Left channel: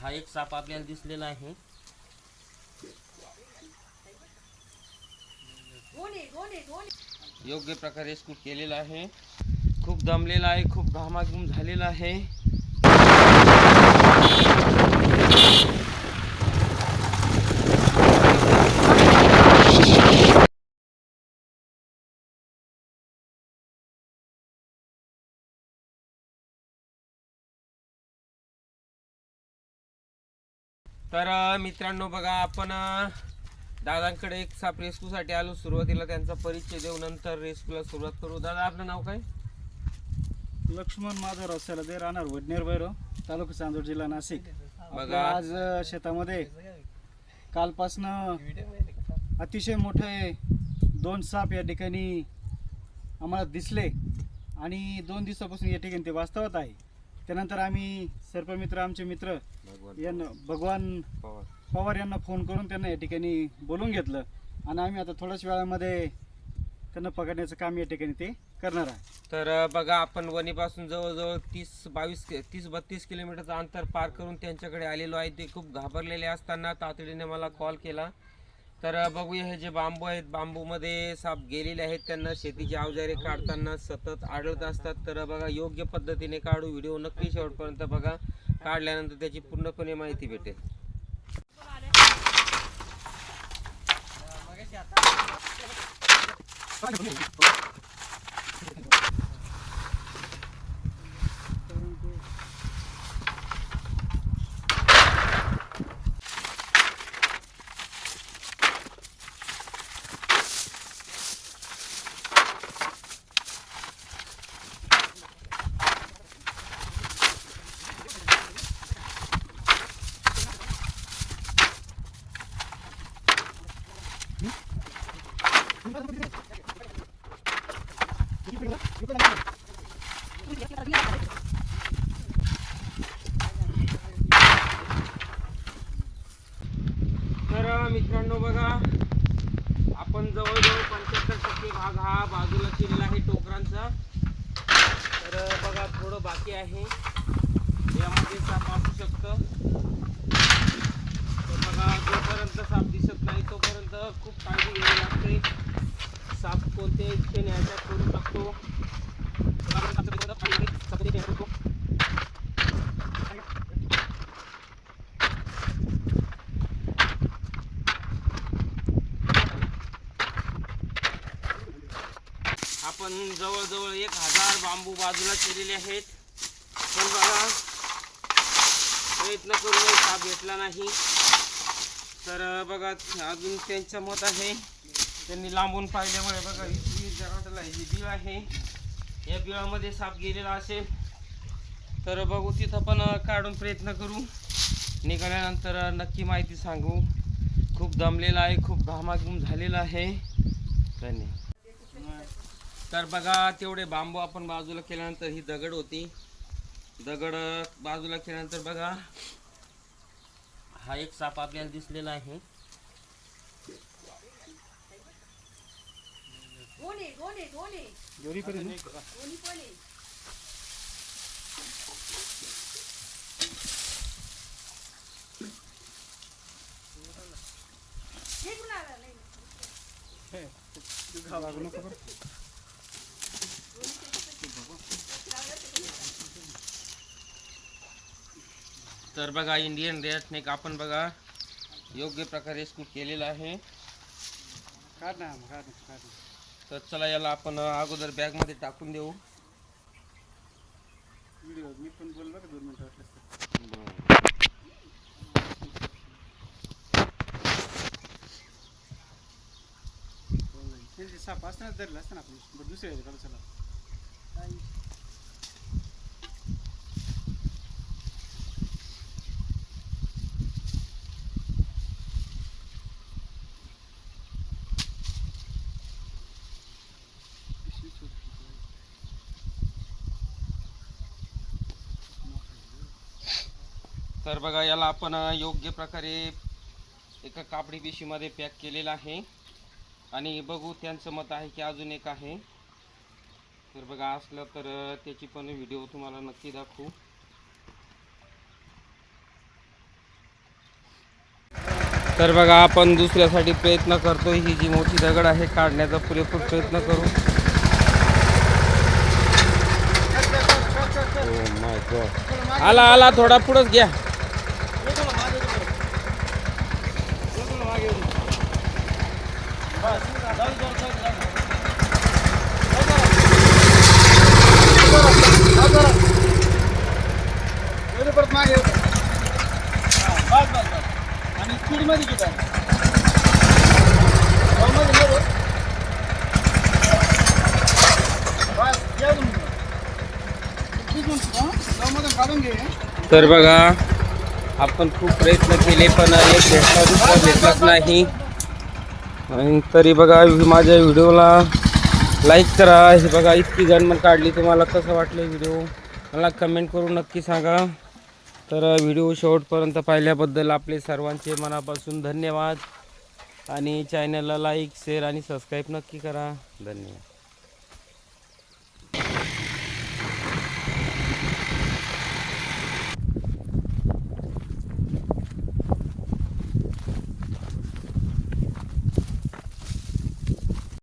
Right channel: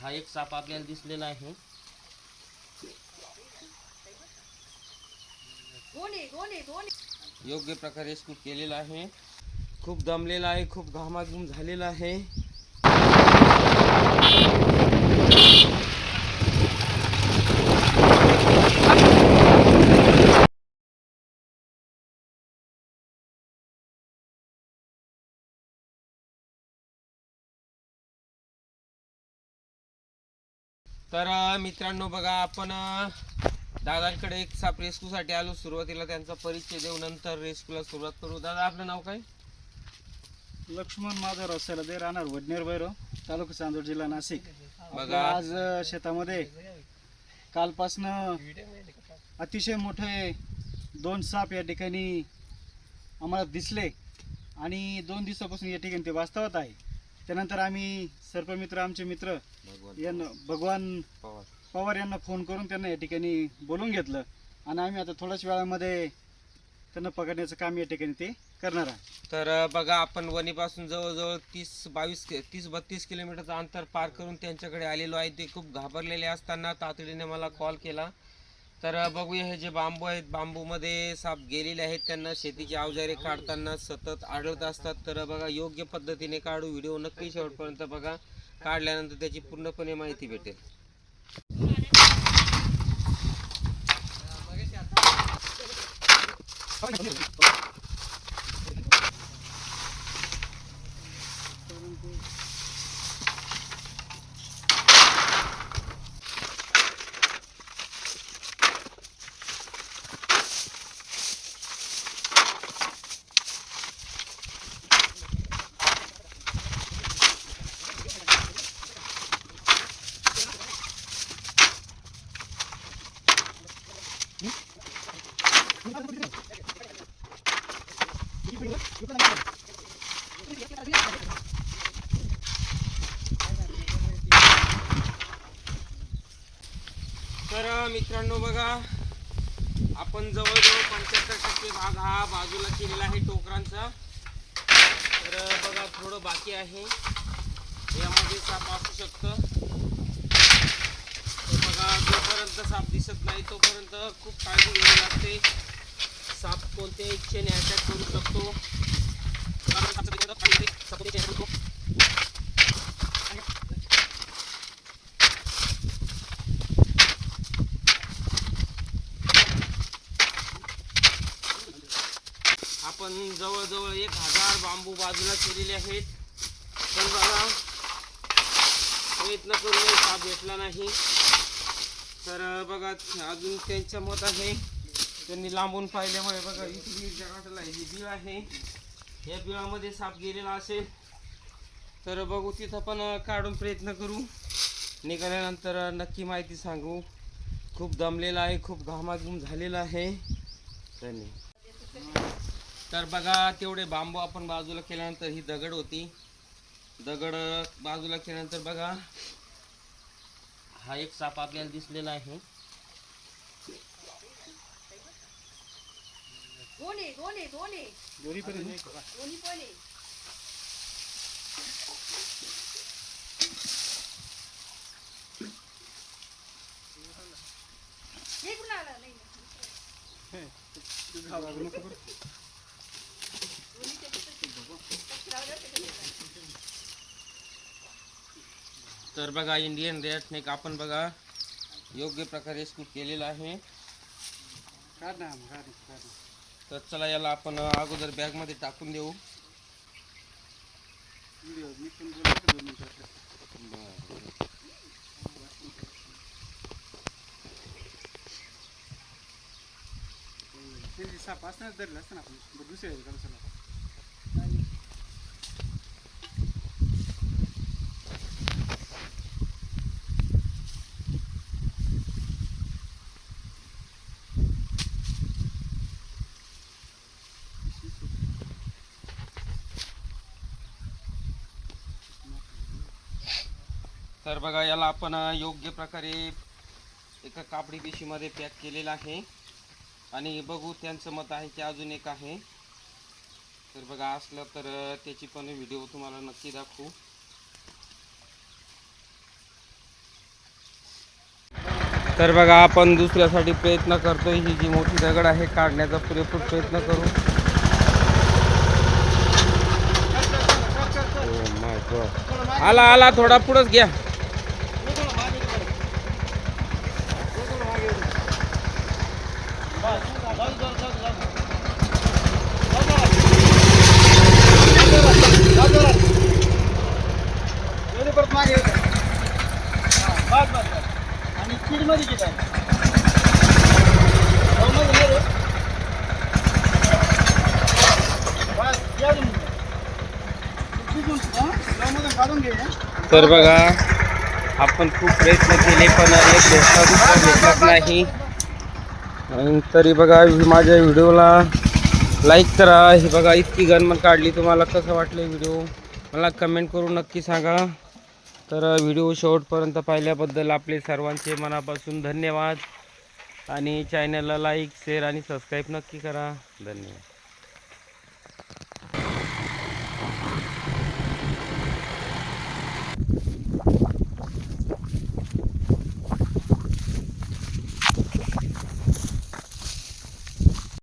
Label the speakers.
Speaker 1: हा एक साप आपल्याला दिसलेला आहे. योग्य प्रकारे स्कूप केलेला आहे. खूप दमलेला आहे खूप घामाघूम झालेला आहे. तर मित्रांनो बघा आपण दादांकडे एक साप रेस्क्यूसाठी आलो. सुरुवातीला त्यांचा परिचय देऊ नंतर रेस्क्यूला सुरुवात करू. दादा आपलं नाव काय?
Speaker 2: लक्ष्मण माधवराव सलदे राहणार वडनेर भैरव तालुका चांदोड जिल्हा नाशिक.
Speaker 1: बघा.
Speaker 2: आज शेतामध्ये कालपासनं अतिशय मोठे दोन साप या ठिकाणी आम्हाला दिसले आणि दोन दिवसापासून या ठिकाणी ते वास्तवत आहे. त्यानंतर आम्ही सर्पमित्र आमचे मित्र यांना भगवान
Speaker 1: पवार.
Speaker 2: पवार यांना फोन करून त्यांना या ठिकाणी बोलून घेतलं. आणि आम्ही आता थोड्याच वेळामध्ये त्यांना पकडण्याचं काम या ठिकाणी ते करणार आहे.
Speaker 1: तर बघा आपण वणीपासून जवळजवळ तीस बावीस तीस बत्तीस किलोमीटरचं अंतर पार करून त्यांच्याकडे आलेलो आहे. ते खूप घाबरलेले असताना तातडीने मला कॉल केला. तर बघूया हे जे बांबू आहेत बांबूमध्ये साप गेलेले आहेत. त्यांना शेतीची अवजारे काढताना सतत आढळत असतात. तर बघा योग्य पद्धतीने काढू व्हिडिओ नक्की शेवटपर्यंत बघा. काढल्यानंतर त्याची पूर्णपणे माहिती भेटेल. तर मित्रांनो बघा आपण जवळजवळ पंच्याहत्तर टक्के भाग हा बाजूला केलेला आहे टोकरांचा. तर बघा थोडं बाकी आहे. यामध्ये साप असू शकतं. तर बघा जोपर्यंत साप दिसत नाही तोपर्यंत खूप काळजी घ्यावी लागते. साप कोणत्या इच्छेने अटॅक करू शकतो? आपण जवळजवळ एक हजार बांबू बाजूला केलेले आहेत. पण बघा प्रयत्न करून साप भेटला नाही. तर बघा अजून त्यांचं मत आहे. त्यांनी लांबून पाहिल्यामुळे बघा इथली जगाटला ही जी बिळ आहे या बिळामध्ये साप गेलेला असेल. तर बघू तिथं पण काढून प्रयत्न करू. निघाल्यानंतर नक्की माहिती सांगू. खूप दमलेला आहे खूप घामाघूम झालेला आहे. धन्यवाद तर बघा तेवढे बांबू आपण बाजूला केल्यानंतर ही दगड होती. दगड बाजूला केल्यानंतर बघा हा एक साप आपल्याला दिसलेला आहे. तर बघा इंडियन रेड स्नेक आपण बघा योग्य प्रकारे स्कूप केलेला आहे. तर चला याला आपण अगोदर बॅगमध्ये टाकून देऊ.
Speaker 2: साप असणार धरला असताना आपण दुसऱ्या
Speaker 1: तर बघा याला आपण योग्य प्रकारे एका कापडी पिशवीमध्ये पॅक केलेला आहे. आणि बघू त्यांचं मत आहे की अजून एक आहे. तर बघा असलं तर त्याची पण व्हिडिओ तुम्हाला नक्की दाखवू. तर बघा आपण दुसऱ्यासाठी प्रयत्न करतोय. ही जी मोठी दगड आहे काढण्याचा पुरेपूर प्रयत्न करू. Oh. आला आला थोडा पुढंच घ्या
Speaker 2: एवढे परत मागे येऊ का? हा, बस, बस, बस. आणि स्पीडमध्ये किती आहे जाऊमध्ये नाही रे. बस, या तुम्ही. किती म्हणतो, हा? जाऊमधून काढून
Speaker 1: तर बघा आपण खूप प्रयत्न केले पण एक भेटला दुसरा भेटलाच नाही. आणि तरी बघा माझ्या व्हिडिओला लाईक करा. हे बघा इतकी गणमन काढली तुम्हाला कसं वाटलं व्हिडिओ? मला कमेंट करून नक्की सांगा. तर व्हिडिओ शेवटपर्यंत पाहिल्याबद्दल आपले सर्वांचे मनापासून धन्यवाद. आणि चॅनलला लाईक शेअर आणि सबस्क्राईब नक्की करा. धन्यवाद.